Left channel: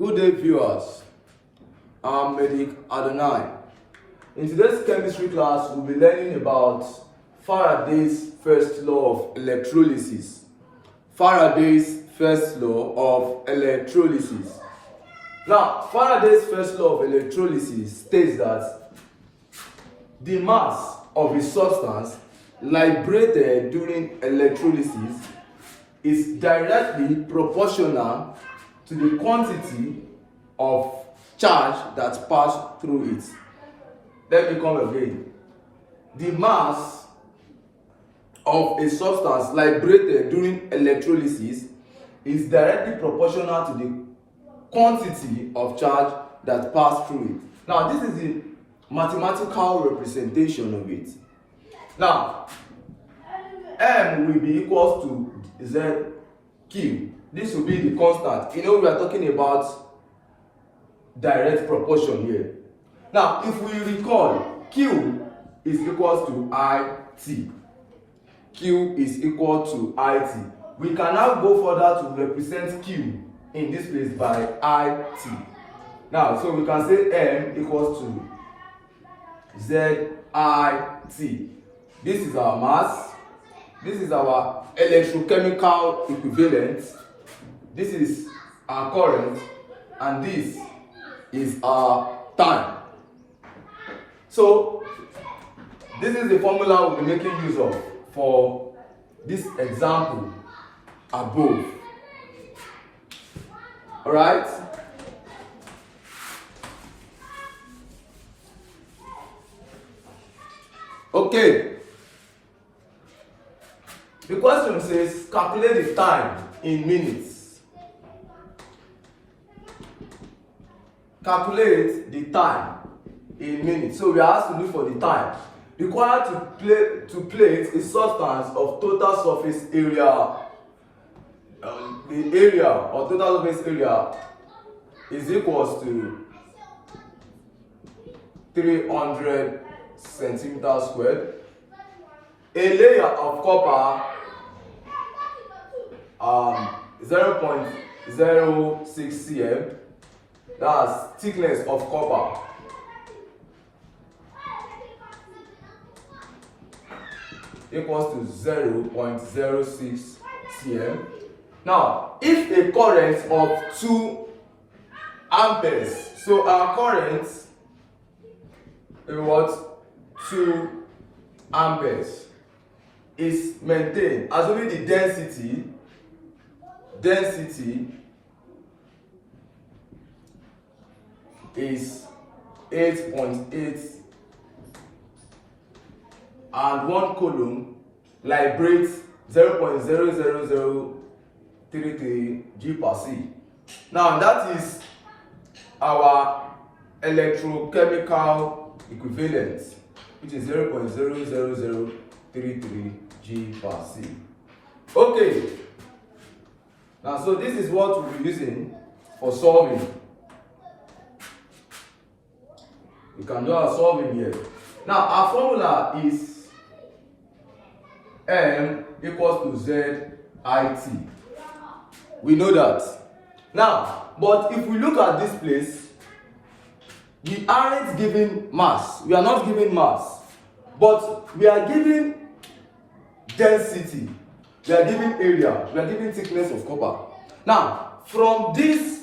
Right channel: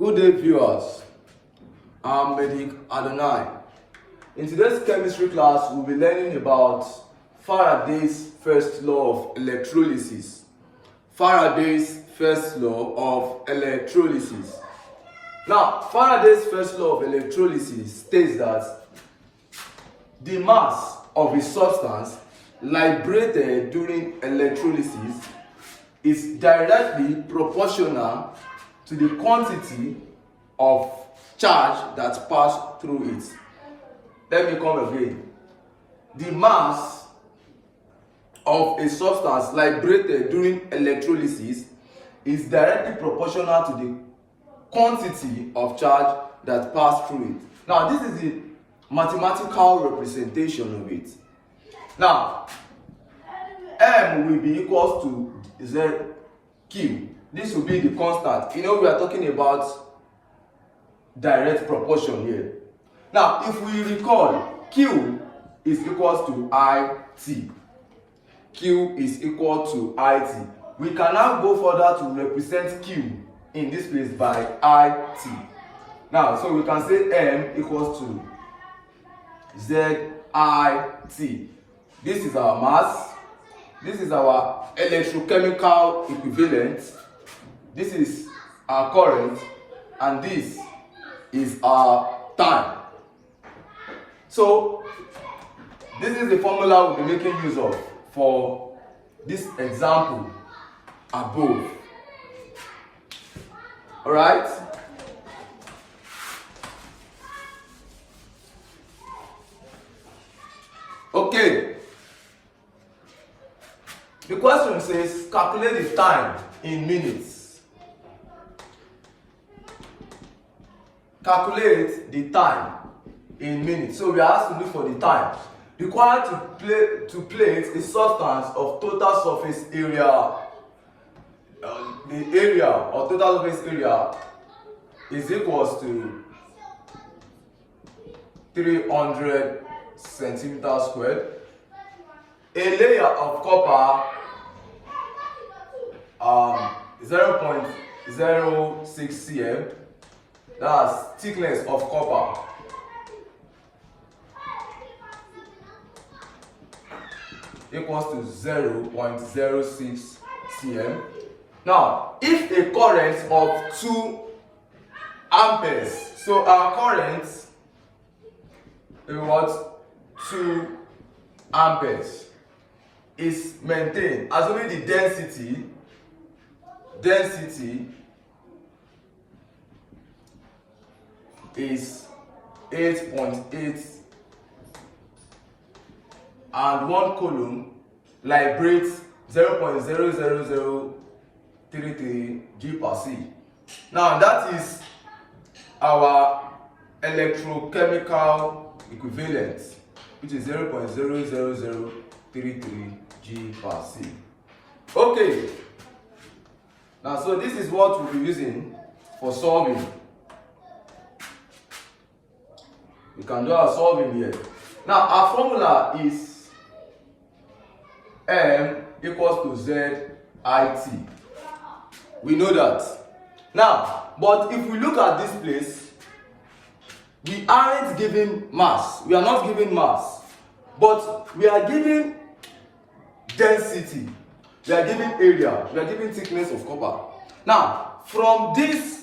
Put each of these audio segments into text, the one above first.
Good day, viewers. I'm Medic Adonai. In today's chemistry class, we'll be learning about Faraday's first law of electrolysis. Faraday's first law of electrolysis. Now, Faraday's first law of electrolysis states that the mass of a substance liberated during electrolysis is directly proportional to the quantity of charge that passed through it. Let me come again. The mass of a substance liberated during electrolysis is directly proportional to the quantity of charge that passed through it. Now, this is the mathematical representation of it. Now, M will be equals to ZQ. This will be the constant. You know, we are talking about direct proportion here. Now, if we recall, Q is equals to IT. Q is equal to IT. We can now go further to represent Q in this place by IT. Now, so we can say M equals to ZIT. This is our mass. This is our electrochemical equivalent. This is our current, and this is our time. So, this is the formula we'll be making use of for this example above. Alright? Okay. The question says, calculate the time in minutes. Calculate the time in minutes. So we are asked to look for the time required to plate a substance of total surface area. The area or total surface area is equals to 300 centimeters squared. A layer of copper 0.06 cm. That's thickness of copper. Equals to 0.06 cm. Now, if a current of 2 amperes, so our current is what? 2 amperes is maintained, assuming the density is 8.8 and 1 coulomb liberates 0.00033 G per C. Now that is our electrochemical equivalent, which is 0.00033 G per C. Okay. Now, so this is what we'll be using for solving. We can do our solving here. Now, our formula is M equals to ZIT. We know that. Now, but if we look at this place, we aren't given mass. We are not given mass. But we are given density. We are given area. We are given thickness of copper. Now, from this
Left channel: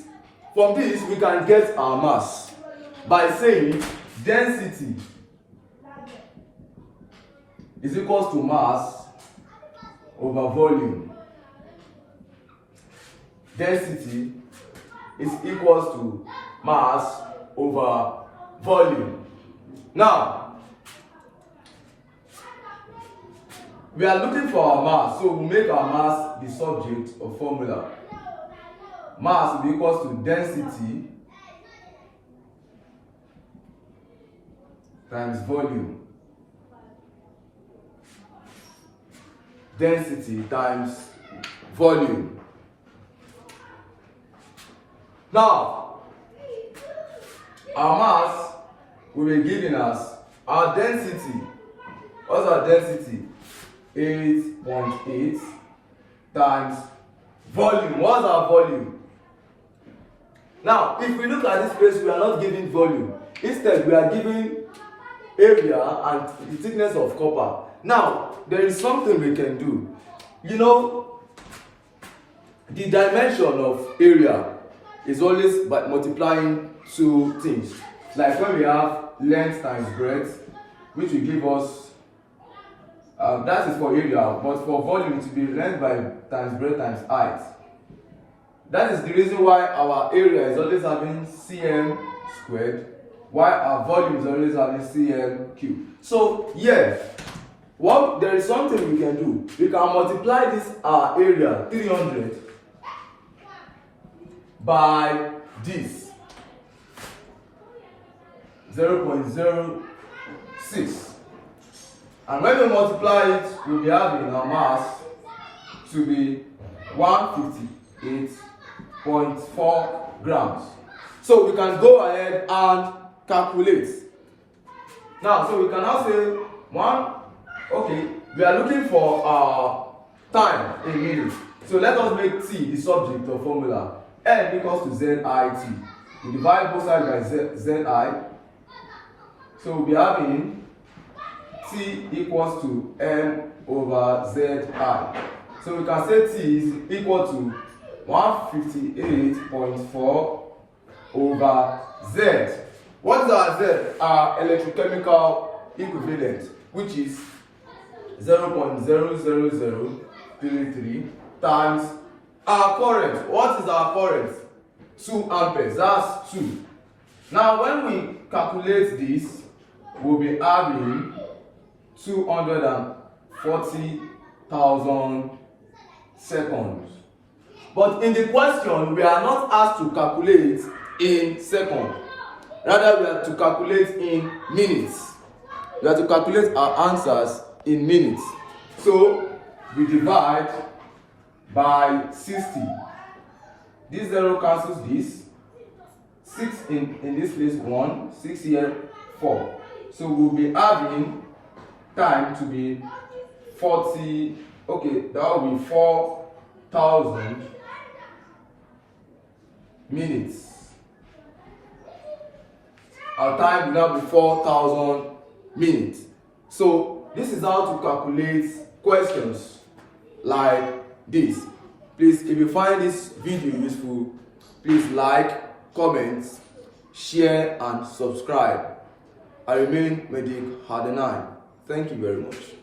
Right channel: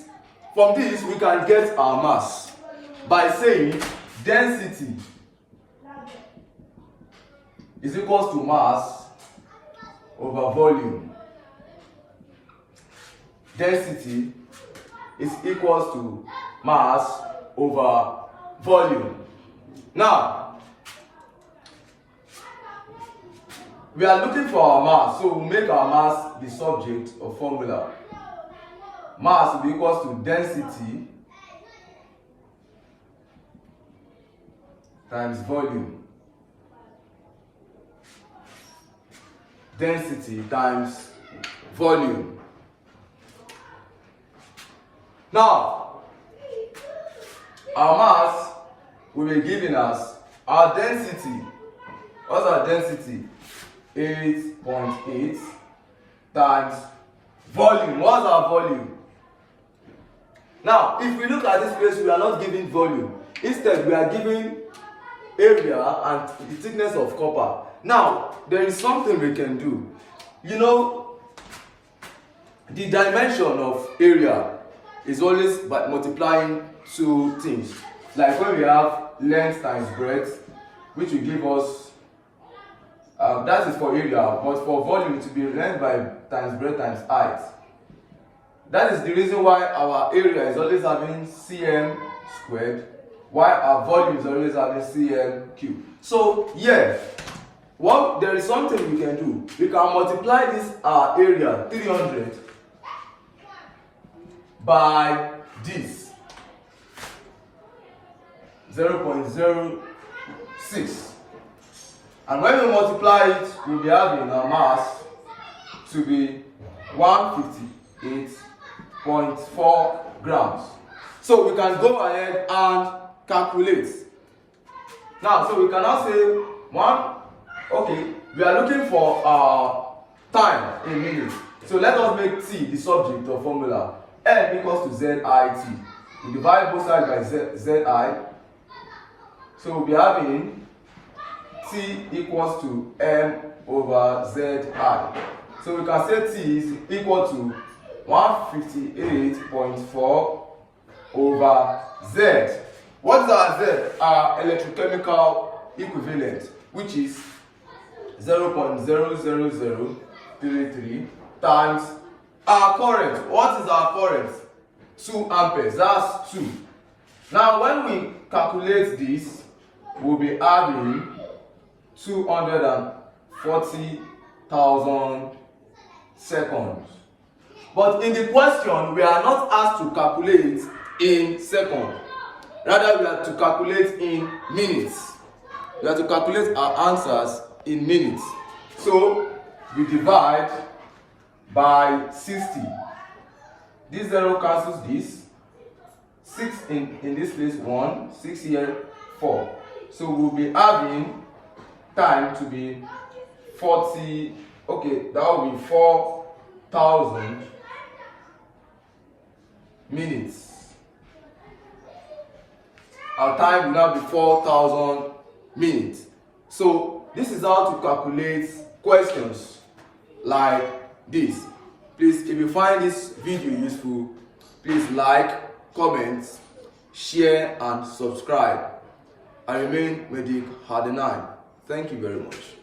we can get our mass by saying density is equals to mass over volume. Density is equals to mass over volume. Now, we are looking for our mass, so we make our mass the subject of formula. Mass will be equals to density times volume. Density times volume. Now, our mass will be giving us our density. What's our density? 8.8 times volume. What's our volume? Now, if we look at this place, we are not giving volume. Instead, we are giving area and the thickness of copper. Now, there is something we can do. You know, the dimension of area is always by multiplying two things. Like when we have length times breadth, which will give us, that is for area, but for volume it will be length by times breadth times height. That is the reason why our area is always having cm squared, while our volume is always having cm cubed. So yeah, there is something we can do. We can multiply this area 300 by this 0.06, and when we multiply it, we'll be having our mass to be 158.4 grams. So we can go ahead and calculate. Now, so we can now say we are looking for time in minutes. So let us make t the subject of formula. N equals to zit. We divide both sides by zi. So we'll be having t equals to m over zi. So we can say t is equal to 158.4 over z. What is our z? Our electrochemical equivalent, which is 0.00033 times our current. What is our current? 2 amperes. That's 2. Now, when we calculate this, we'll be having 240,000 seconds. But in the question, we are not asked to calculate in seconds. Rather, we are to calculate in minutes. We are to calculate our answers in minutes. So, we divide by 60. This 0 cancels this. 6 in this place 1, 6 here 4. So we'll be having time to be 40. Okay, that will be 4,000 minutes. Our time will now be 4,000 minutes. So this is how to calculate questions like this. Please, if you find this video useful, please like, comment, share and subscribe. I remain Medic Faraday'S. Thank you very much.